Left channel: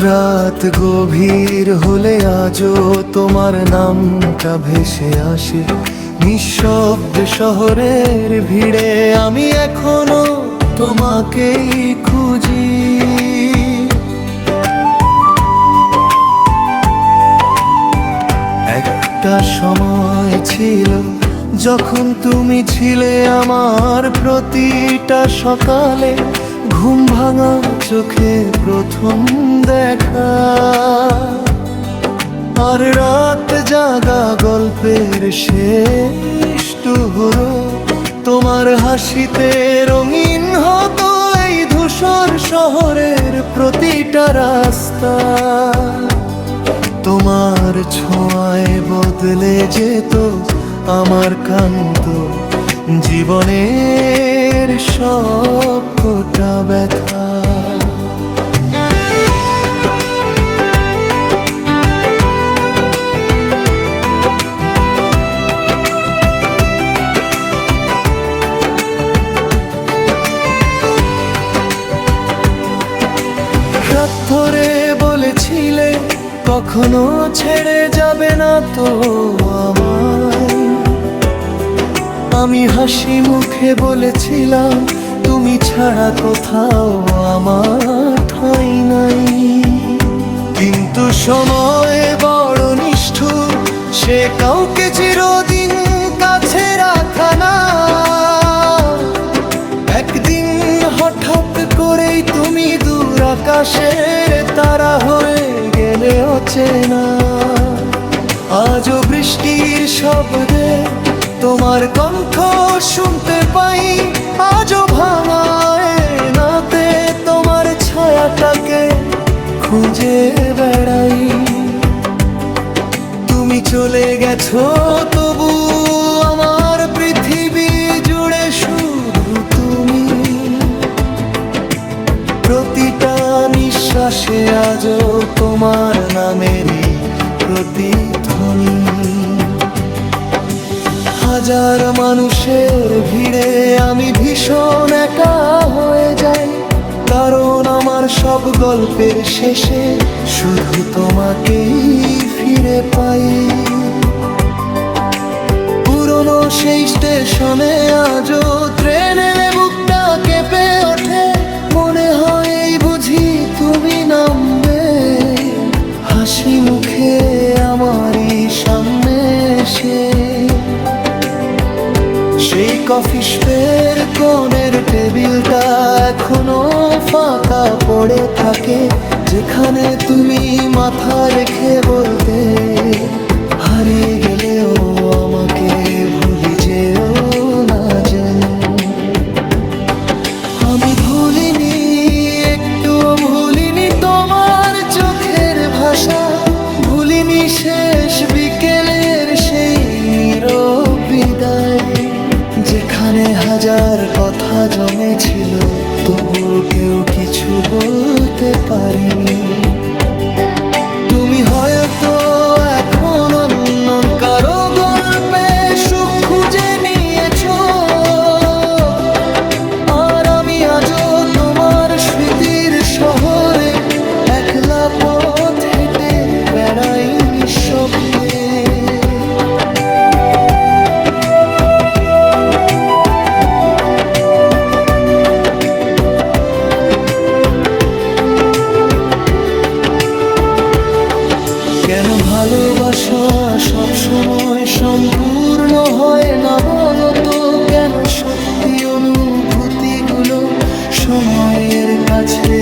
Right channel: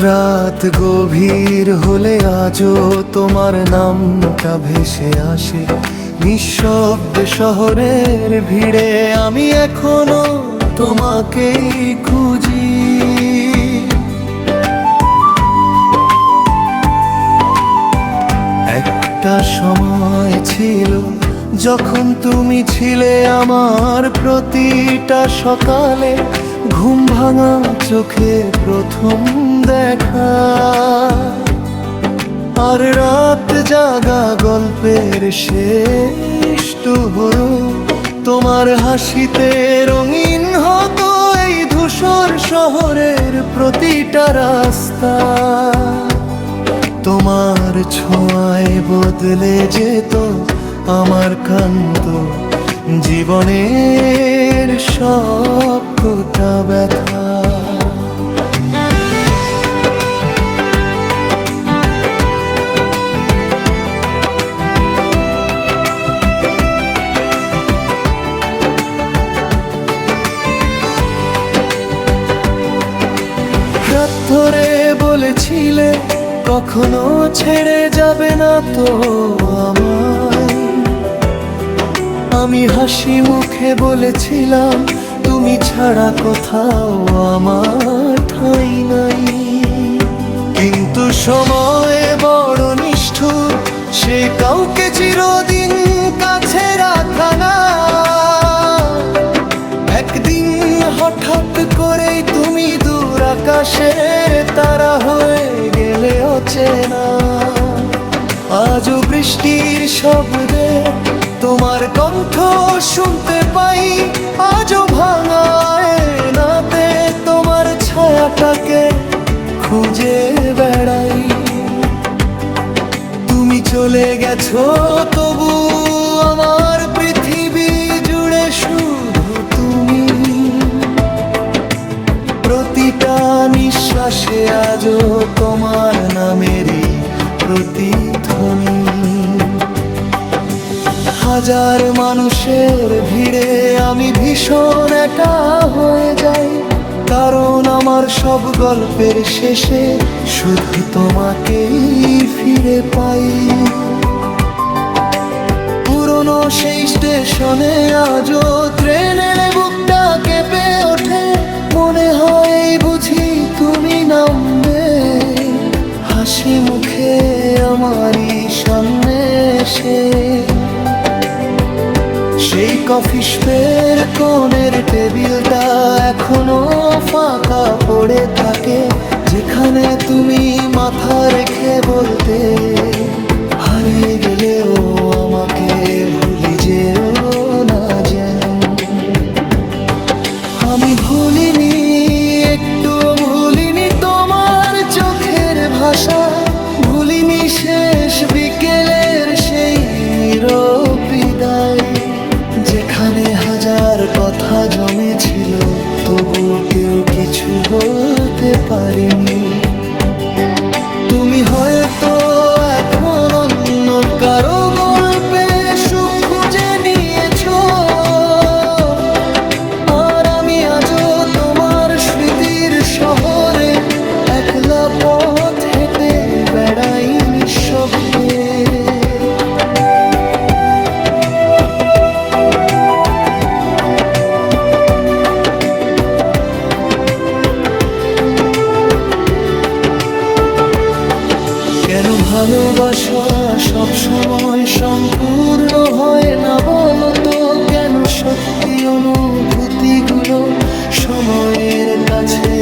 রাত গভীর হলে আজও তোমার নামটা ভেসে আসে নিঃশব্দ শহরের ভিড়ে। আমি এখনো তোমাকেই খুঁজি। একটা সময় ছিল যখন তুমি ছিলে আমার প্রতিটা সকালে, ঘুম ভাঙা চোখে প্রথম দেখা, আর রাত জাগা গল্পের শেষ হলো তোমার হাসিতে রঙিন হতো এই ধূসর শহরের প্রতিটা রাস্তা। তোমার ছোঁয়ায় বদলে যেত আমার কান্ত জীবনের সব কোটা ব্যথা। রাত ধরে বলেছিলে কখনো ছেড়ে যাবে না তো আমায়। আমি হাসি মুখে বলেছিলাম তুমি ছাড়া কোথাও আমার ঠাঁই নাই। কিন্তু সময় বড় নিষ্ঠুর, সে কাউকে চিরদিন কাছে রাখা না। একদিন হঠাৎ করেই তুমি দূর আকাশের তারা হয়ে গেলে অচেনা। আজও বৃষ্টির শব্দে তোমার কণ্ঠ শুনতে পাই, আজও ভাঙায় নাতে তোমার ছায়াটাকে খুঁজে বেড়াই। তুমি চলে গেছো তবু আমার পৃথিবী জুড়ে শুধু তুমি। প্রতিটা নিঃশ্বাসে আজও তোমার নামেরই প্রতিধ্বনি। হাজার মানুষের ভিড়ে আমি ভীষণ একা হয়ে যাই, কারণ আমার সব গল্পের শেষে শুধু তোমাকেই ফিরে পাই। পুরনো সেই স্টেশনে আজও ট্রেন এলে বুকটা কেঁপে ওঠে, মনে হয় এই বুঝি তুমি নামবে হাসি মুখে আমারই সামনে এসে। সেই কফি শপের কোণের টেবিলটা এখনো ফাঁকা পড়ে থাকে, যেখানে তুমি মাথা রেখে বলতে হারিয়ে গেলেও আমাকে ভুলি যেও না যেন। আমি ভুলিনি, একটুও ভুলিনি তোমার চোখের ভাষা, ভুলিনি শেষ বিকেলের সেই নীরব বিদায়, যেখানে হাজার কথা জমেছিল তবুও কেউ কিছু বলতে পারিনি। তুমি হয়তো এখন অন্য কারো গল্পে সুখ খুঁজে নিয়েছো, আর আমি আজও তোমার স্মৃতির শহরে একলা পথ হেঁটে বেড়াই নিঃশব্দে। কেন ভালোবাসা সব সময় সম্পূর্ণ হয় না বলো তো? কেন সত্যি অনুভূতিগুলো সময়ের কাছে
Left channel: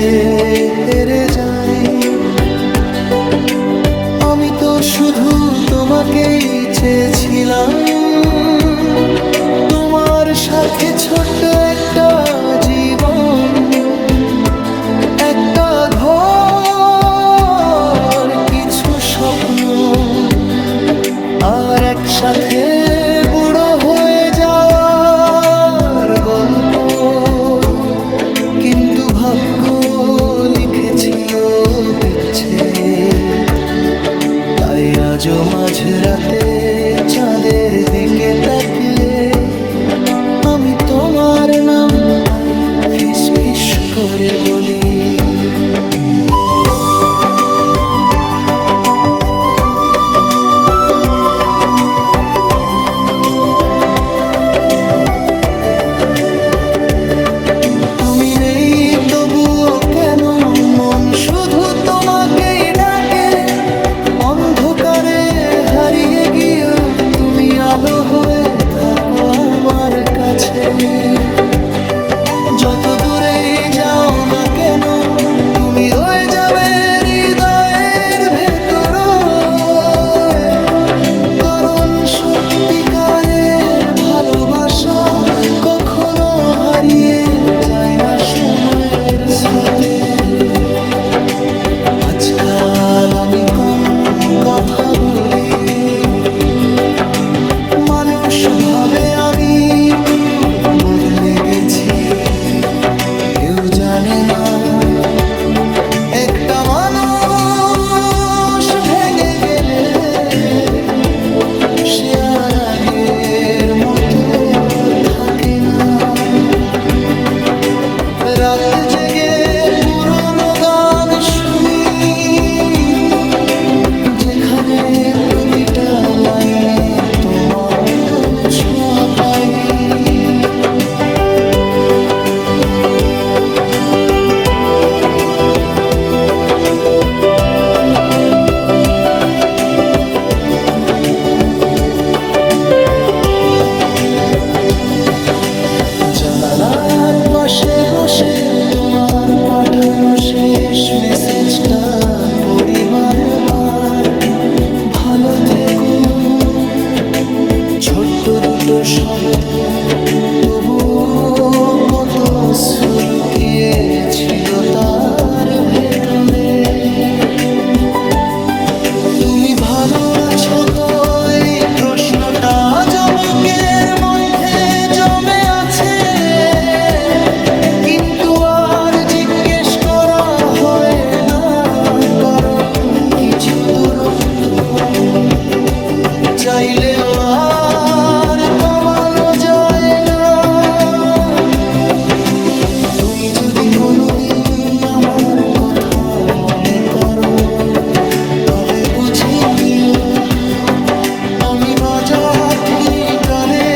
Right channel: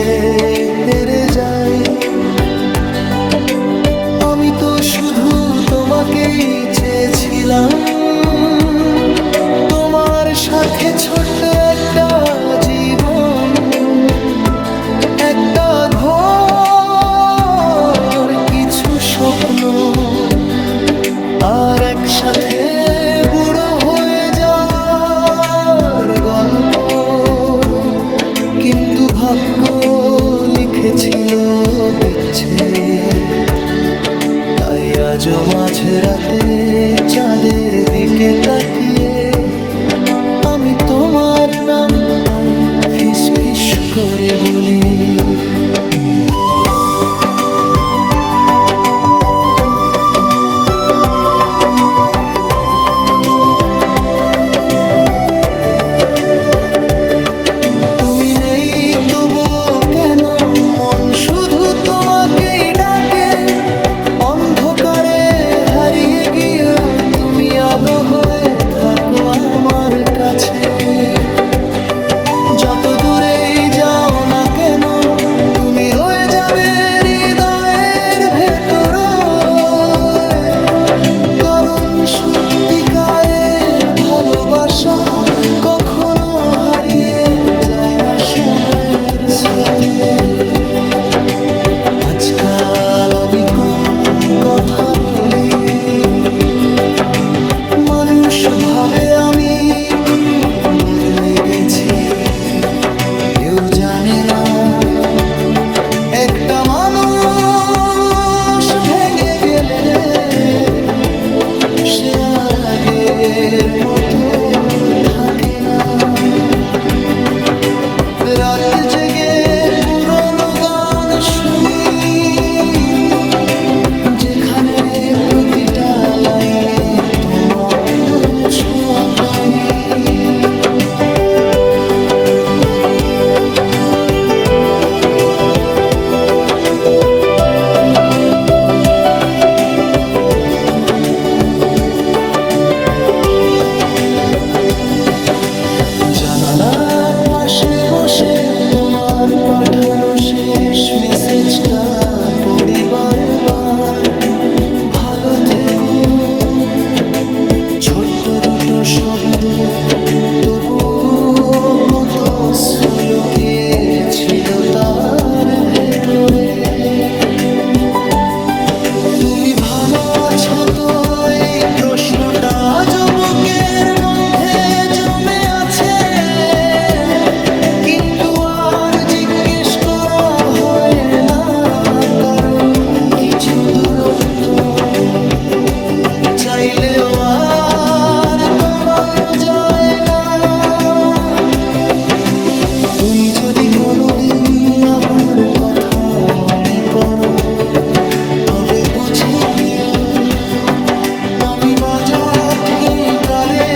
হেরে যায়? আমি তো শুধু তোমাকেই চেয়েছিলাম, তোমার সাথে ছোট্ট একটা জীবন, একটা ঘর, কিছু স্বপ্ন, আর একসাথে বুড়ো হয়ে যাওয়ার গল্প। কিন্তু ভাগ্য লিখেছিল বিচ্ছেদ, তাই আজও মাঝরাতে চাঁদের দিকে তাকিয়ে আমি তোমার নামটাই ফিস ফিস করে বলি। কেন মন শুধু তোমাকেই ডাকে, অন্ধকারে হারিয়ে গিয়েও তুমি আলো হয়ে থাকো আমার কাছে। যত দূরেই যাও না কেন তুমি রয়ে যাবে হৃদয়ের ভেতর, কারণ সত্যিকারের ভালোবাসা কখনো হারিয়ে যায় না সময়ের স্রোতে। আজকাল আমি কম কথা বলি, মানুষ ভাবে আমি খুব বদলে গেছি। কেউ জানে না একটা মানুষ ভেঙে গেলে সে আর আগের মতো থাকে না। রাত জেগে পুরনো গান শুনি, যেখানে প্রতিটা লাইনে তোমার ছোঁয়া পাই। জানালার পাশে বসে তোমার পাঠানো শেষ মেসেজটা পড়ি বারবার। ভালো থেকো, ছোট্ট দুটো শব্দ, তবু কত লুকিয়ে ছিল তার ভেতরে। তুমি ভালো আছো তো, এই প্রশ্নটা আজ বুকের মধ্যে জমে আছে, কিন্তু আর জিজ্ঞেস করা হয় না, কারণ কিছু দূরত্ব চাইলেও আর কমানো যায় না। তুমি যদি কোনোদিন আমার কথা মনে করো, তবে বুঝে নিও আমি বাজা ঠিকারে